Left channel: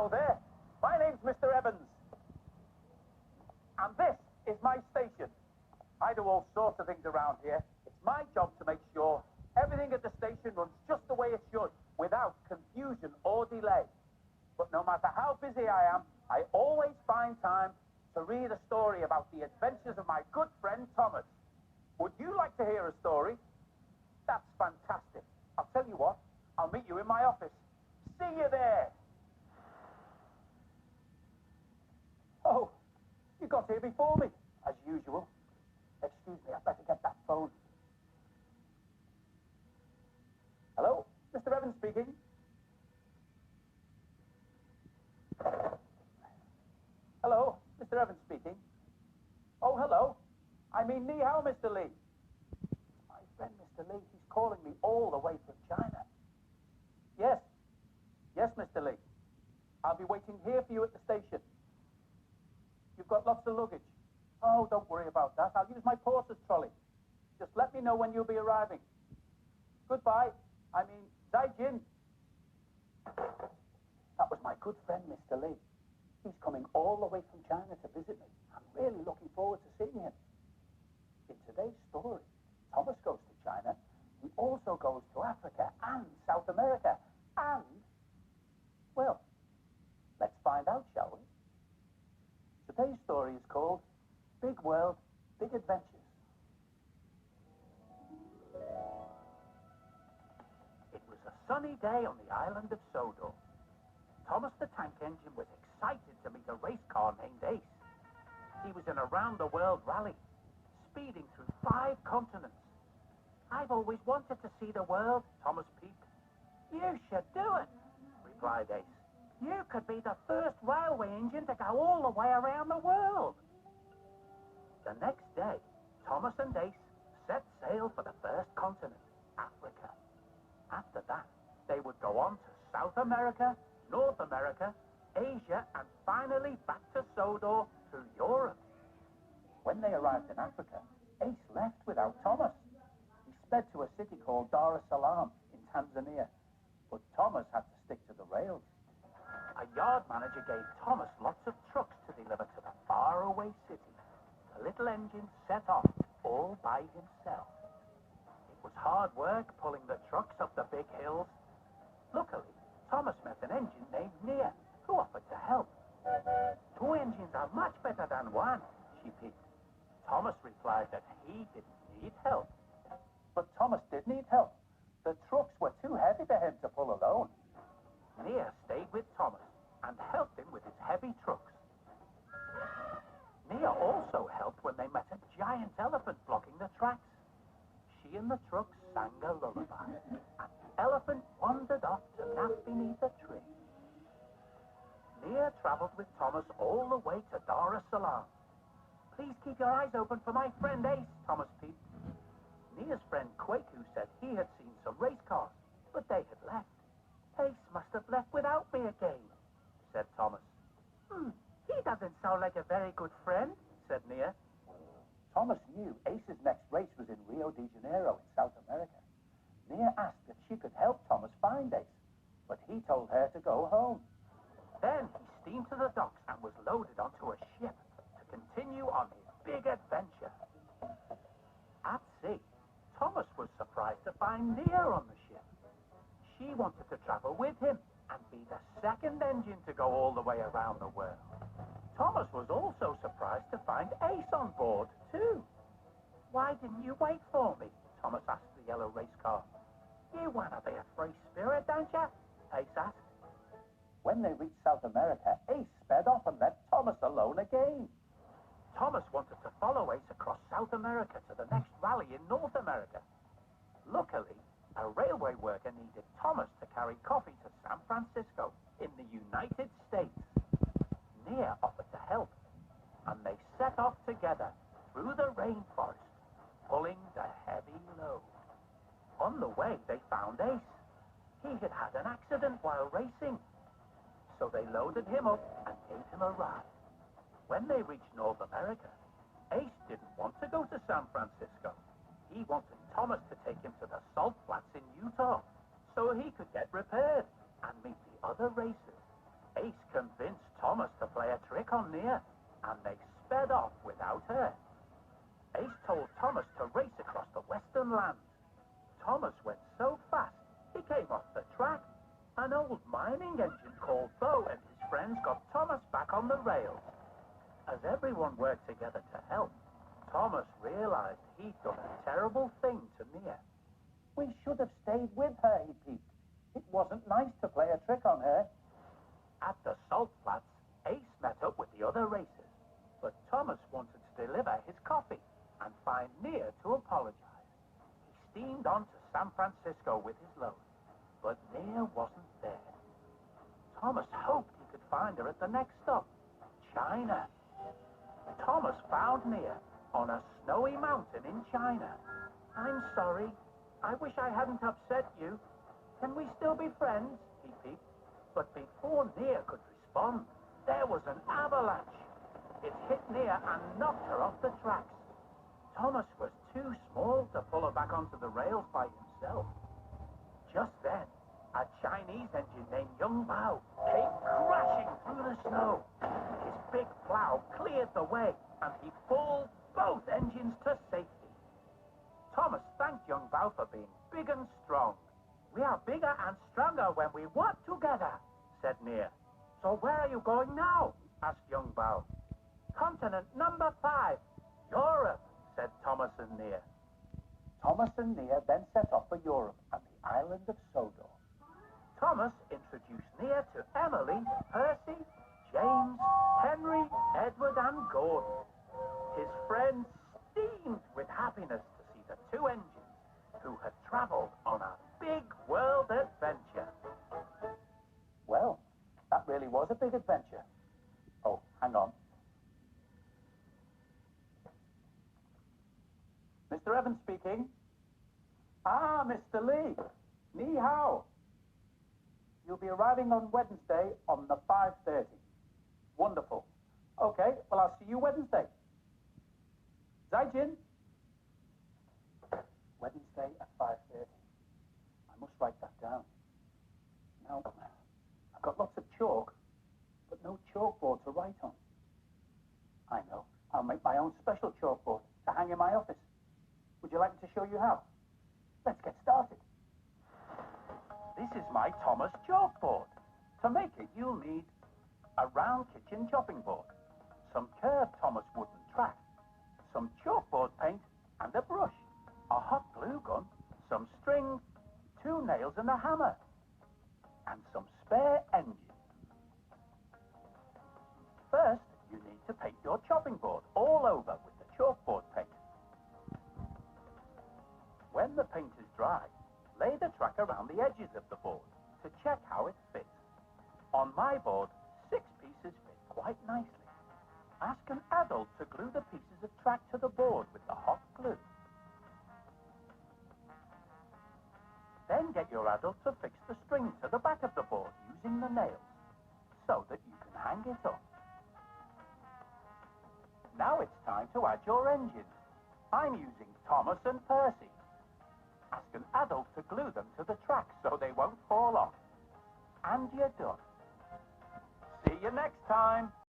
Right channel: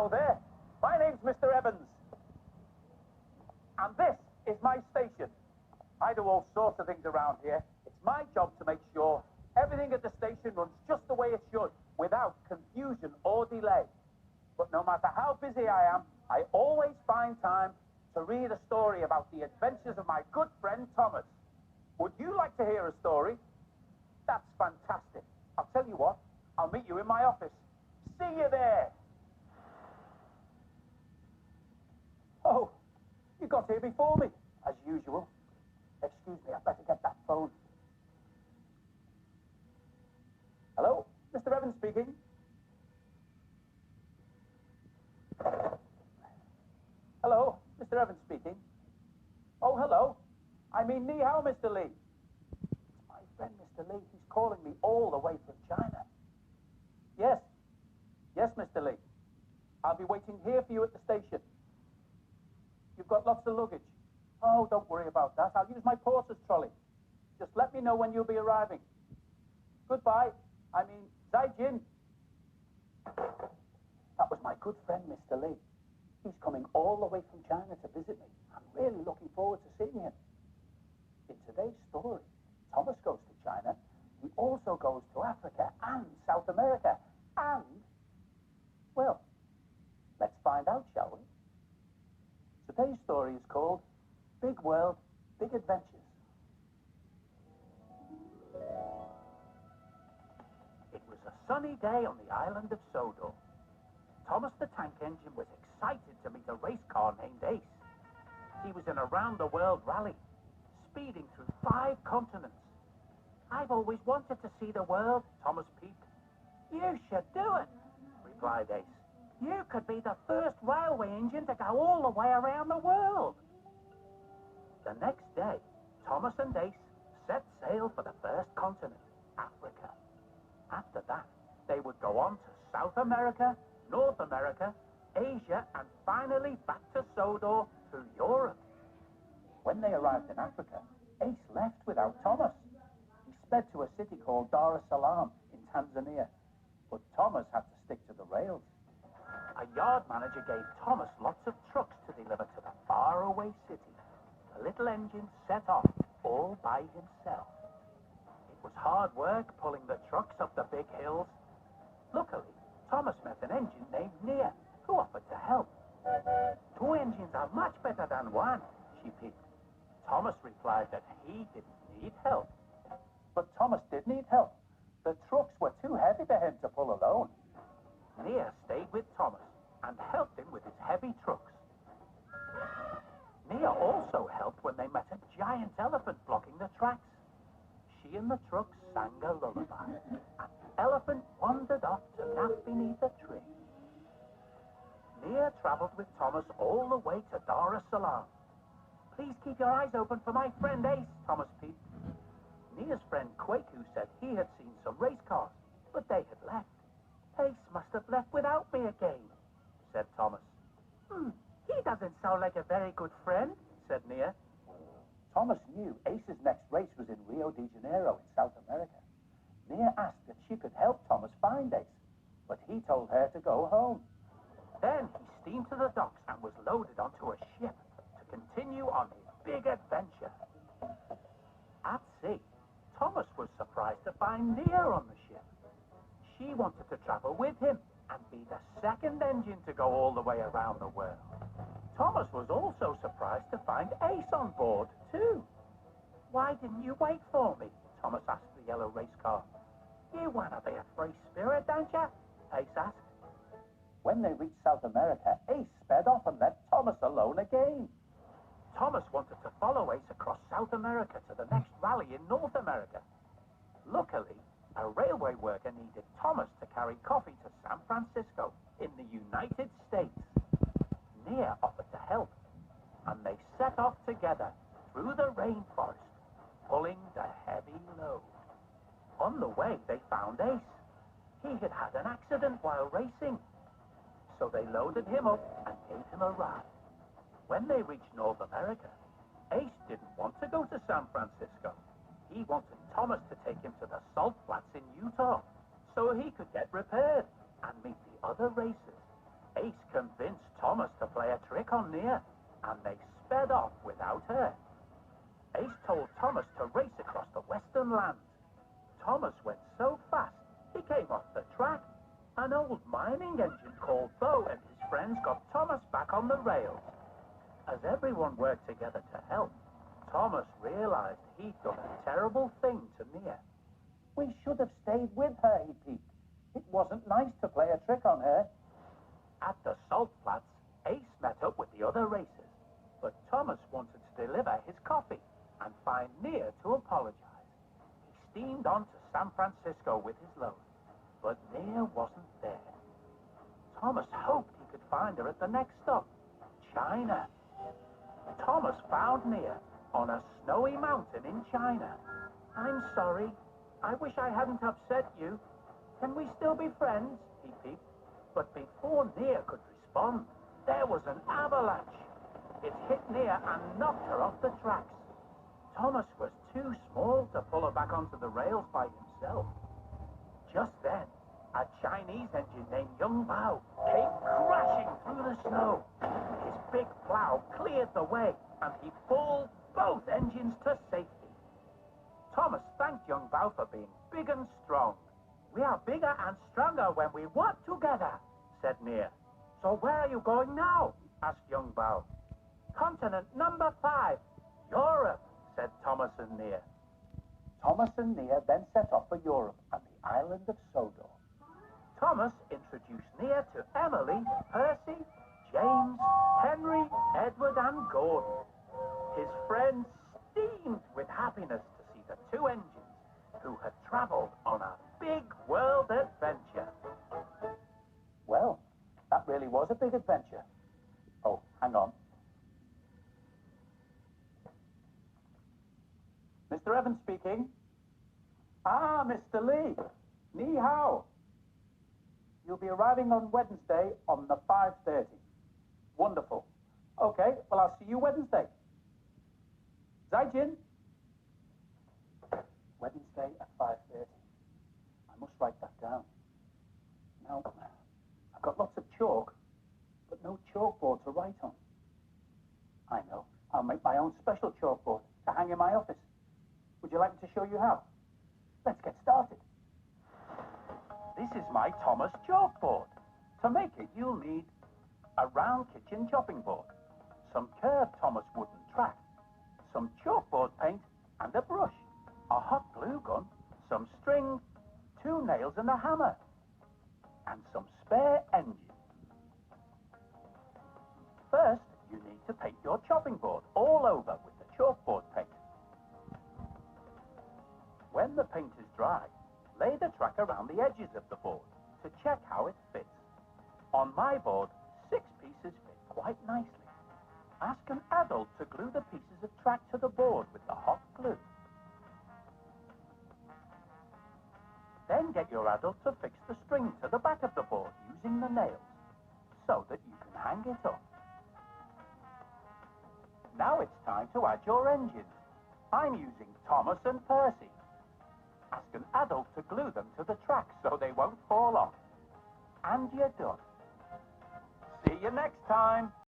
Hello there. My name's Mr. Evans. And this is my station. I do all sorts of things around here. It's my job to make sure everything at the station runs just the way it should, without confusion or delay. But no matter how busy I am, I always find time to read a story about the adventures of my good friend Thomas. Would you like to hear a story? That's fantastic. I'll tell you what, I'll meet you in my office. See you there. Oh, you got here before me, as usual. Excuse me, I better get that phone. Hello, Mr. Evans speaking. Hello, Mr. Evans speaking. Oh, hello. I mean, ni hao, Mr. Lee. My friend, Mr. Lee, he's calling me all the way from China. Yes. Yes, Mr. Lee. I'll be waiting here for you at the station. You've got lots of luggage. Oh, don't worry about that. I'll use my porter's trolley. Just let me know when you'll be arriving. Goodbye. I mean, Zai Jin. That was my good friend, Mr. Lee. He's coming all the way from China to visit me. I'm really looking forward to seeing him. In today's story, Thomas goes to China. He also goes to Africa and South America. And, well, let's find out, shall we? Today's story is called Big World, Big Adventures. It was a sunny day on the island of Sodor. Thomas the Tank Engine was excited to meet a race car named Ace. He was in a round-the-world rally, speeding through 5 continents. I've always wanted to see the world, Thomas peeped. You should do it, replied Ace. You could be the first railway engine to go all the way around the world. The next day, Thomas and Ace set sail for the first continent, Africa. After that, they would go on to South America, North America, Asia, and finally back to Sodor through Europe. When they arrived in Africa, Ace left without Thomas. He sped to a city called Dar es Salaam in Tanzania, but Thomas had to stick to the rails. A yard manager gave Thomas lots of trucks to deliver to the faraway city. The little engine set off all by himself. It was hard work pulling the trucks up the big hills. Luckily, Thomas met an engine named Nia, who offered to help. 2 engines are much better than 1, she peeped. Thomas replied that he didn't need help. But Thomas did need help. The trucks were too heavy for him to pull alone. Nia stayed with Thomas and helped him with his heavy trucks. Nia also helped when they met a giant elephant blocking the tracks. She and the trucks sang a lullaby, and the elephant wandered off to nap beneath a tree. Nia traveled with Thomas all the way to Dar es Salaam. Please keep your eyes open for my friend Ace, Thomas peeped. Nia's friend Kwaku said he had seen some race cars, but they had left. Ace must have left without me again, said Thomas. He doesn't sound like a very good friend, said Nia. Thomas knew Ace's next race was in Rio de Janeiro in South America. Nia asked if she could help Thomas find Ace, but he told her to go home. Then he steamed to the docks and was loaded onto a ship to continue on his big adventure. At sea, Thomas was surprised to find Nia on the ship. She wanted to travel with him and be the second engine to go all the way around the world. Thomas was also surprised to find Ace on board, too. Why didn't you wait for me? Thomas asked the yellow race car. You want to be a free spirit, don't you? Ace asked. When they reached South America, Ace sped off and left Thomas alone again. Thomas wanted to follow Ace across South America to the next rally in North America. Luckily, a railway worker needed Thomas to carry coffee to San Francisco in the United States. Nia offered to help, and they set off together through the rainforest, pulling the heavy load. On the way, they found Ace. He had had an accident while racing, so they loaded him up and gave him a ride. When they reached North America, Ace didn't want to go to San Francisco. He wanted Thomas to take him to the salt flats in Utah so he could get repaired and meet the other racers. Ace convinced Thomas to play a trick on Nia, and they sped off without her. Ace told Thomas to race across the western lands. Thomas went so fast, he came off the track. An old mining engine called Bo and his friends got Thomas back on the rails. As everyone worked together to help, Thomas realized he'd done a terrible thing to Nia. We should have stayed with her, he peeped. It wasn't nice to play a trick on her. At the salt flats, Ace met up with the other racers, but Thomas wanted to deliver his coffee and find Nia to apologize. He steamed on to San Francisco with his load, but Nia wasn't there. Thomas hoped he could find her at the next stop, China. Thomas found Nia on a snowy mountain in China. I'm sorry. I wish I hadn't upset you. Can we still be friends? He peeped. But before Nia could respond, there was an avalanche. It hit Nia and knocked her off the tracks. Thomas was too small to pull her back onto the rails by himself. Just then, a Chinese engine named Young Bao came crashing through the snow. His big plow cleared the way, and he pulled both engines to safety. Thomas thanked Young Bao for being big and strong. We are bigger and stronger when we work together, said Nia. So where are you going now? Asked Young Bao. Continent number 5, Europe, said Thomas and Nia. Thomas and Nia then set off for Europe and the island of Sodor. Thomas introduced Nia to Emily, Percy, James, Henry, Edward, and Gordon. His friends steamed with happiness to see the two engines who had traveled on a big world adventure. Well, that really was a big adventure. Oh, hang on. Mr. Evans speaking. Ah, Mr. Lee. Ni hao. You'll be arriving on Wednesday on the 5:30. Wonderful. Okay, well, I'll see you Wednesday. Zaijin. Wednesday at 5:30. I must write that down. Now, I've got lots of chalk, but no chalkboard to write on. I know. I'll make my own special chalkboard to hang in my office. Would you like me to show you how? Let's get started. This is my Thomas chalkboard. To make it, you'll need a round kitchen chopping board, some curved Thomas wooden track, some chalkboard paint and a brush, a hot glue gun, some string, 2 nails and a hammer, and some spare engine. First, you need to paint your chopping board all over with the chalkboard paint. When the paint is dry, lay the track around the edges of the board to check how it fits. On my board, 6 pieces fit quite nicely. Ask an adult to glue the pieces of track to the board with the hot glue. Then get your adult to fix the string to the back of the board using the nails so that you can hang it up. Now it's time to add your engines. I'm using Thomas and Percy. Ask an adult to glue them to the track so they won't fall off. And you're done. See you next time.